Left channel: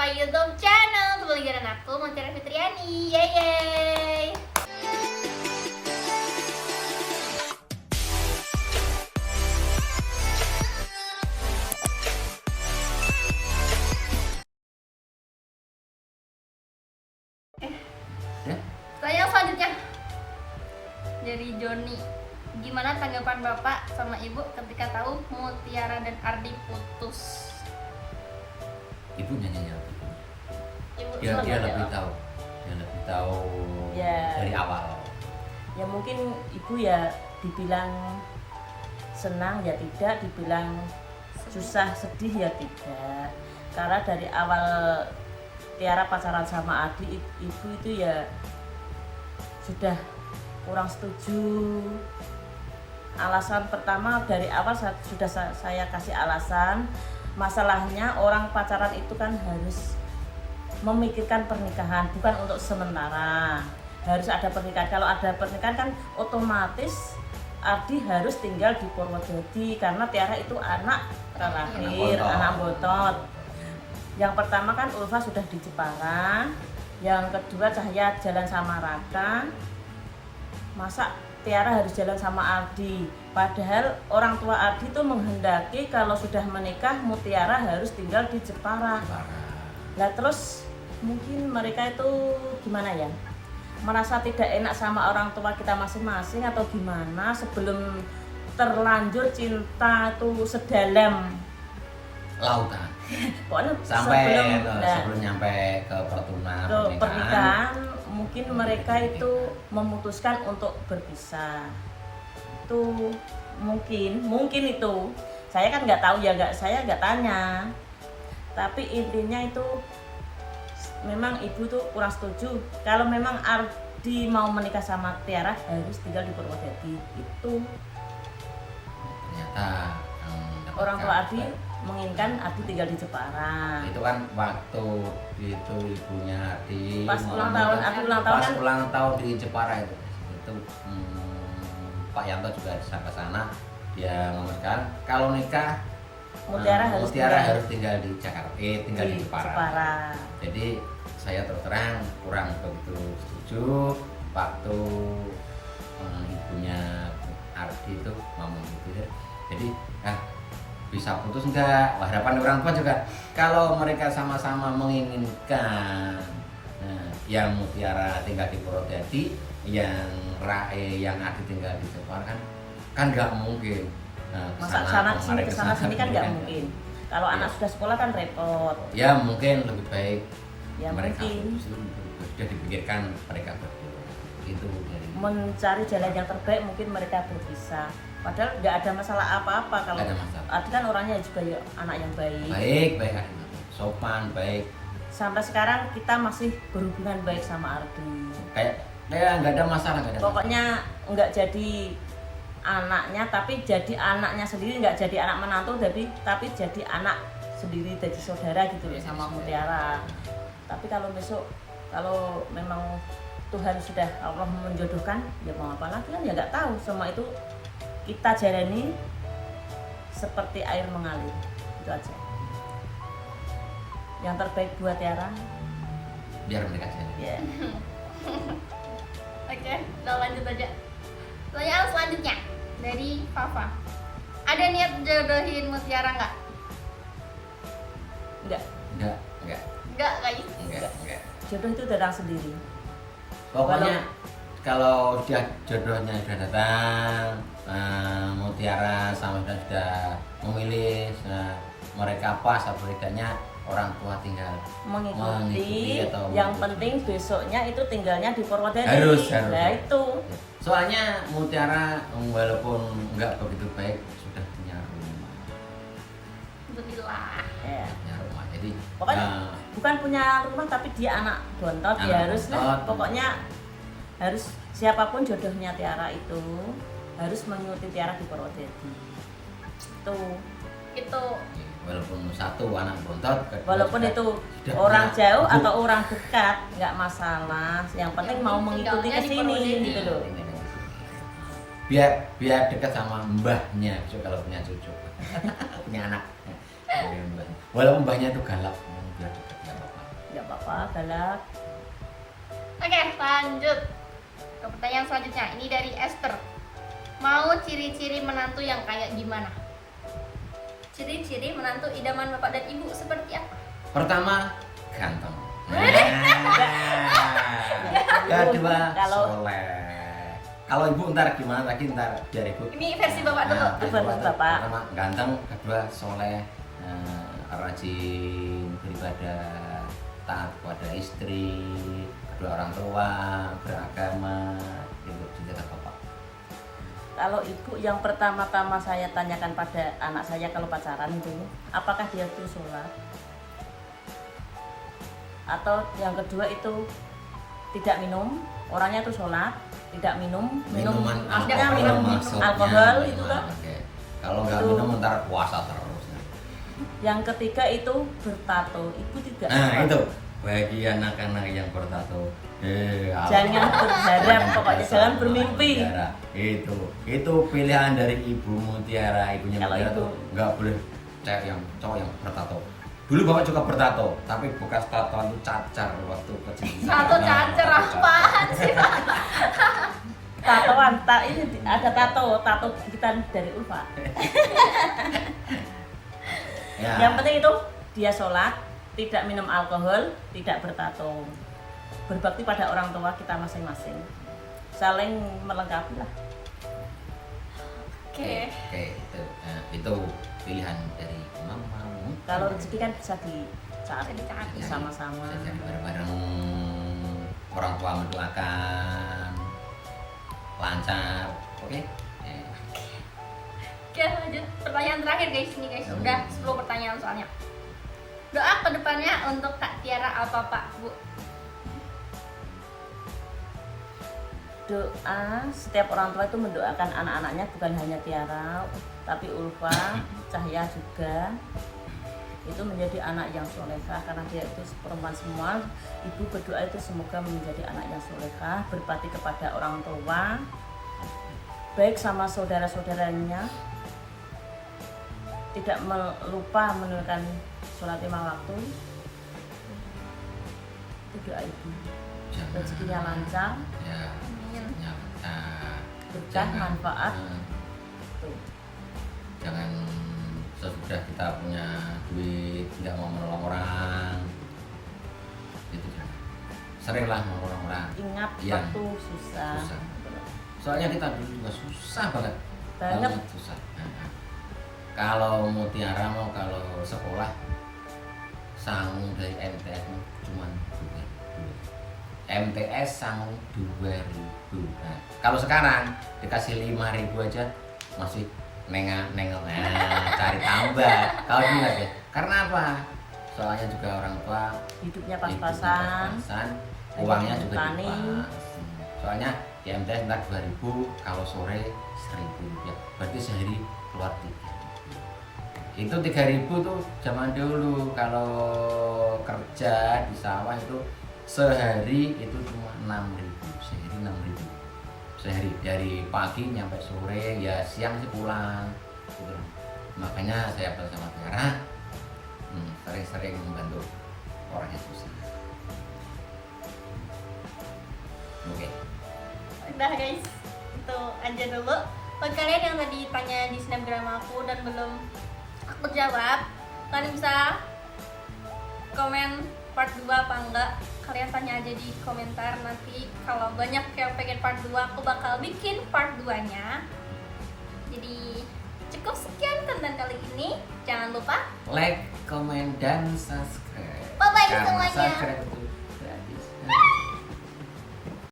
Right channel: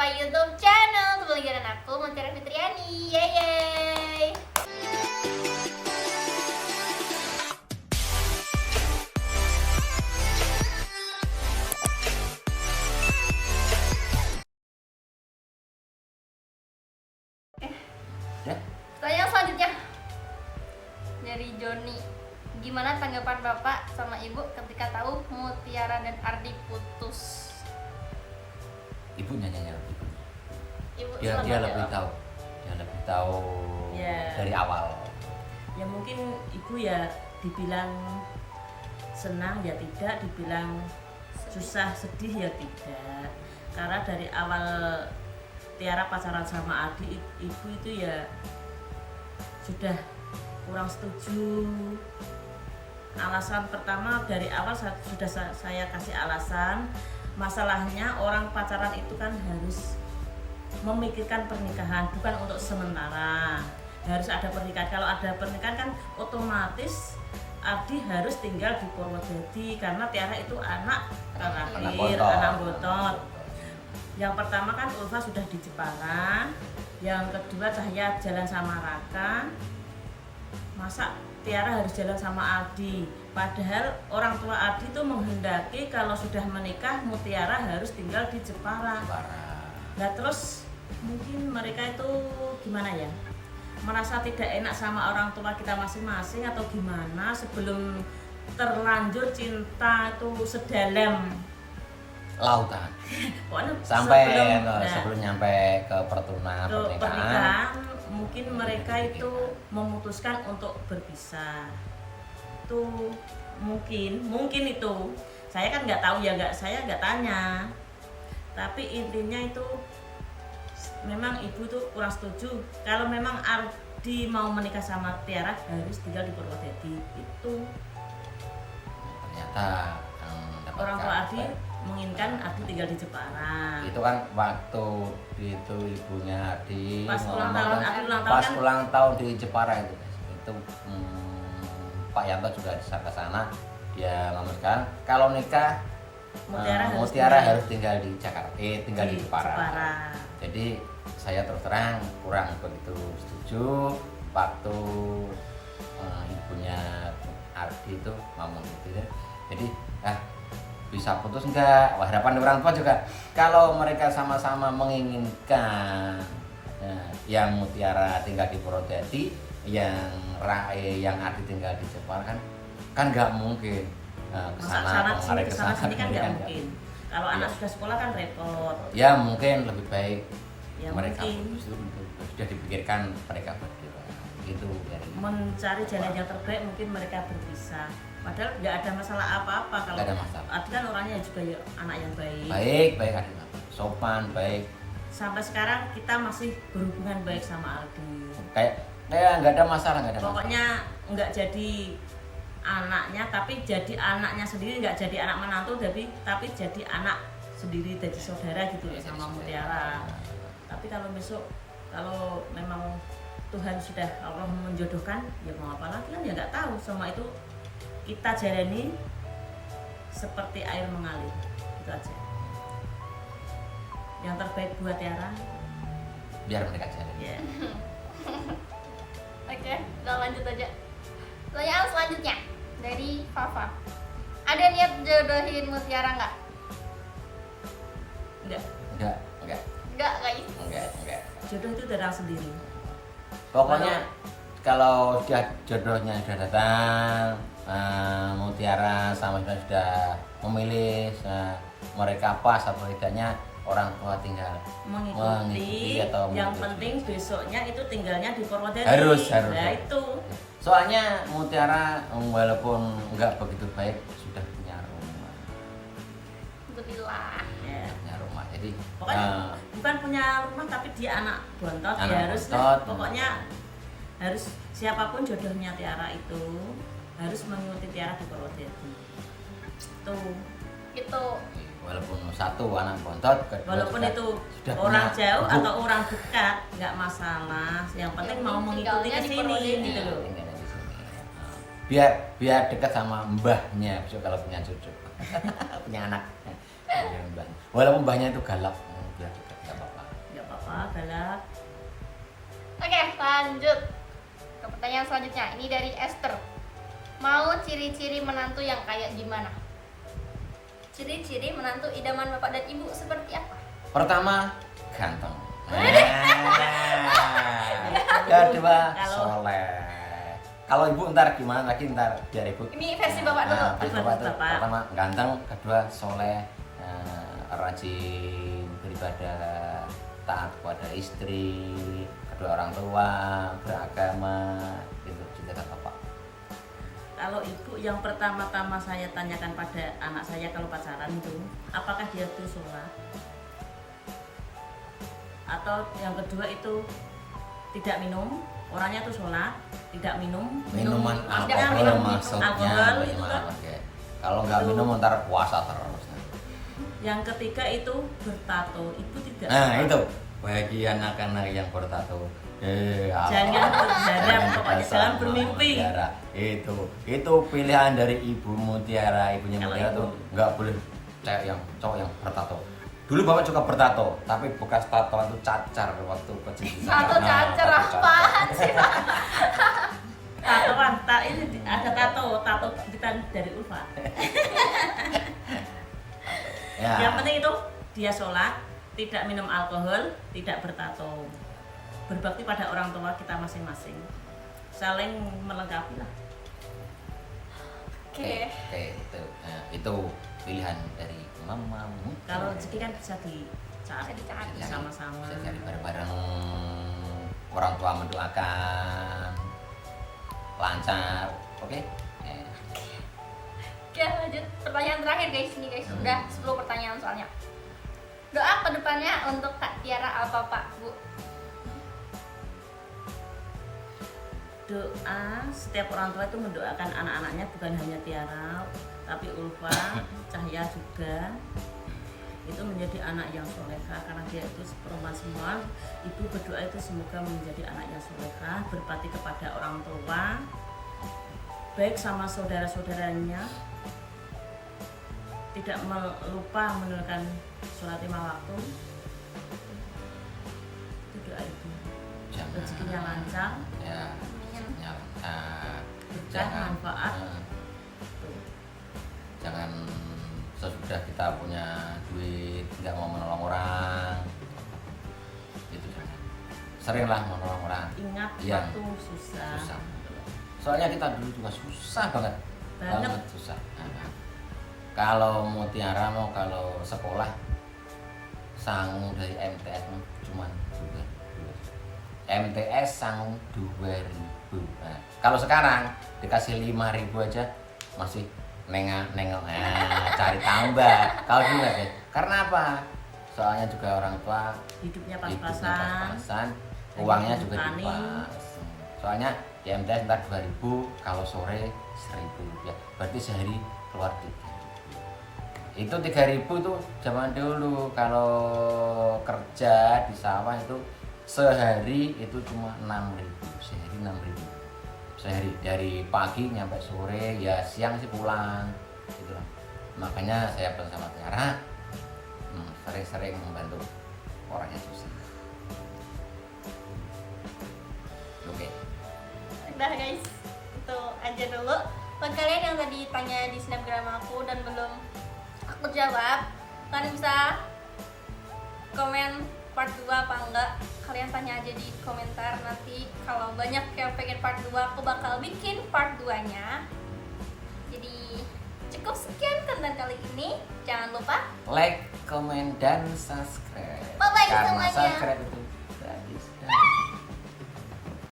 my YouTube channel. Kembali dengan aku Mutiara Fitriani. Yeay. Pertanyaan selanjutnya dari Joni. Gimana tanggapan Bapak sama Ibu ketika tahu Mutiara dan Ardi putus? Ibu nyanyi Ibu dia selamat lebih jawab. tahu, dia lebih tahu Ya. dari awal. Ya mungkin ibu ya dibilang senang ya tidak, dibilang susah sedih ya tidak. Karena dari awal Tiara pacaran sama Adi, ibu itu ya sudah kurang setuju. Alasan pertama dari awal sudah saya kasih alasan, masalahnya orang pacaran itu kan harus memikirkan pernikahan, bukan untuk sementara. Harus ada pernikahan. Kalau ada pernikahan kan otomatis Ardi harus tinggal di Purwodadi karena Tiara itu anak terakhir, anak botot. Yang pertama kan Ulfa sudah di Jepara, yang kedua Cahya jalan sama Raka. Masa Tiara harus jalan sama Ardi? Padahal orang tua Ardi itu menghendaki kalau sudah menikah Mutiara harus tinggal di Jepara. Nah terus mungkin mereka itu gimana ya, merasa tidak enak sama orang tua kita masing-masing atau gimana, sebelum terlanjur cinta itu sedalam Lautan. pokoknya Sampai sebelum sebelum nyampe ke pernikahan mungkin mereka itu memutuskan untuk berpisah. Itu mungkin itu saya kan nggak tahu ya, saya nggak tanya, tapi intinya itu memang ibu tuh kurang setuju. Kalau memang Ardi mau menikah sama Tiara harus tinggal di Purwodadi. Itu Ternyata orang tua Ardi menginginkan Ardi tinggal di Jepara. itu kan waktu itu ibunya di Pas ulang tahun, aku ulang tahun pas kan ulang tahun di Jepara itu Pak Yanto juga ke sana. Dia ngomongkan kalau nikah Mutiara harus tinggal di Jakarta, tinggal di Jepara. Jepara. Jadi saya terus terang kurang begitu setuju waktu ibunya Ardi itu ngomong gitu. Jadi bisa putus enggak? Wah, harapan orang tua juga kalau mereka sama-sama menginginkan yang Mutiara tinggal di Purwodadi, yang yang Ardi tinggal di Jepara kan nggak mungkin. Masa kesana sini kan nggak mungkin. Kalau anak sudah sekolah kan repot. Ya mungkin lebih baik Ya mereka mungkin sudah dipikirkan mereka berdua itu mencari jalan yang terbaik, mungkin mereka berpisah. Padahal nggak ada masalah apa-apa kalau Nggak ada masalah. Ardi kan orangnya juga ya anak yang baik Ardi, sopan baik. Sampai sekarang kita masih berhubungan baik sama Ardi. Kayak nggak ada masalah, Pokoknya nggak jadi anaknya, tapi jadi anaknya sendiri, nggak jadi anak menantu, tapi jadi anak sendiri, jadi saudara gitu loh sama Mutiara. Tapi kalau besok kalau memang Tuhan sudah Allah menjodohkan, ya mau apa lagi kan ya nggak tahu. Semua itu kita jalani seperti air mengalir, itu aja. Yang terbaik buat Tiara. biar mereka jalan. Ya. Oke, kita lanjut aja. Pertanyaan selanjutnya dari Fafa. Ada niat jodohin Mutiara nggak? Enggak. Nggak, guys. Enggak. Jodoh itu datang sendiri. Pokoknya kalau jodohnya sudah datang, Mutiara sama sudah memilih, mereka pas atau tidaknya orang tua tinggal mengikuti atau yang mengikuti. penting besoknya itu tinggalnya di Purwodadi. Harus. Nah itu Soalnya Mutiara walaupun enggak begitu baik sudah punya rumah. Alhamdulillah. ya. Punya rumah. Jadi Pokoknya bukan punya rumah tapi dia anak bontot, Anak ya harus lah. bontot. Pokoknya harus siapapun jodohnya Tiara itu harus mengikuti Tiara di Purwodadi. Itu walaupun satu anak bontot, Walaupun sudah- itu sudah orang punya jauh ibu. atau orang dekat nggak masalah. Yang penting Yang mau penting mengikuti tinggalnya ke di sini Purwodadi. gitu loh. biar dekat sama mbahnya kalau punya cucu punya anak. Walaupun mbahnya itu galak biar dekat nggak apa-apa. Nggak apa-apa, galak. Oke, lanjut ke pertanyaan selanjutnya. Ini dari Esther. Mau ciri-ciri menantu yang kayak gimana? Ciri-ciri menantu idaman bapak dan ibu seperti apa? Pertama, ganteng. Wih. Kedua, Kalau- soleh. Kalau ibu ntar gimana lagi, ntar biar ibu. Ini versi bapak dulu. Versi Versi bapak. bapak. Pertama ganteng, kedua soleh, rajin beribadah, taat kepada istri, kedua orang tua, beragama, itu cinta bapak. Kalau ibu yang pertama-tama saya tanyakan pada anak saya kalau pacaran itu, apakah dia itu sholat? Atau yang kedua itu tidak minum, orangnya itu sholat, tidak minum, Minuman maksudnya alkohol minum maksudnya alkohol itu gimana, kan. Pak? Kalau nggak Itu. minum ntar puasa terus. Yang ketiga itu bertato, ibu tidak. Nah itu bagi anak-anak yang bertato, Jangan berharap, pokoknya jangan bermimpi. Mutiara. Itu pilihan dari Ibu Mutiara, ibunya Kalau Mutiara itu- tuh nggak boleh cowok yang bertato. Dulu bapak juga bertato, tapi bekas tatoan itu cacar waktu kecil. Satu Nah, cacar cacar. apaan sih, Pak? Tatoan, ini ada tato gigitan dari Ulfa. Ya. Yang penting itu dia sholat, tidak minum alkohol, tidak bertato, berbakti pada orang tua kita masing-masing, saling melengkapi lah. Oke. Oke, itu. Nah, itu pilihan dari mamamu. Kalau rezeki kan bisa dicari Bisa dicari. bersama-sama. Bisa jadi bareng-bareng, orang tua mendoakan lancar. Oke. Oke, lanjut pertanyaan terakhir guys. Ini guys, udah 10 pertanyaan soalnya. Doa ke depannya untuk Kak Tiara apa Pak, Bu? Doa, setiap orang tua itu mendoakan anak-anaknya, bukan hanya Tiara, tapi Ulfa, Cahya juga. Itu menjadi anak yang solehah karena dia itu perempuan semua. Ibu berdoa itu semoga menjadi anak yang solehah, berbakti kepada orang tua, baik sama saudara-saudaranya, tidak lupa menunaikan sholat 5 waktu. Itu doa ibu. Rezekinya lancar, Ya. Amin. Ya, berkah, manfaat. Tuh. Jangan sesudah kita punya duit nggak mau menolong orang. Itu jangan. Seringlah menolong orang. Ingat Iya. waktu susah. Susah. Soalnya kita dulu juga susah banget. Banget. Susah. Nah, kalau Mutiara mau kalau sekolah sangu dari MTS cuman 2.000. MTS sangu 2.000. Nah, kalau sekarang dikasih 5.000 aja masih nengok cari tambah. Kalau dulu ya. Karena apa? Soalnya juga orang tua Hidupnya hidupnya pas-pasan. pas-pasan, uangnya juga Petani. pas. Soalnya di MTS ntar 2.000, kalau sore 1.000 rupiah. Berarti sehari keluar 3.000. Itu 3.000 tuh zaman dulu. Kalau kerja di sawah itu sehari itu cuma 6.000. Sehari 6.000. Sehari dari pagi nyampe sore, ya siang sih pulang gitu. Makanya saya bersama Tiara sering-sering membantu orang yang susah. Oke. Udah guys, itu aja dulu. Buat kalian yang tadi tanya di snapgram aku dan belum aku jawab, kalian bisa komen part 2 apa enggak. Kalian tanya aja di komentar, nanti kalau banyak yang pengen part 2 aku bakal bikin part 2 nya. Jadi cukup sekian konten kali ini. Jangan lupa Like, comment, dan subscribe. Bye-bye Karena semuanya. subscribe itu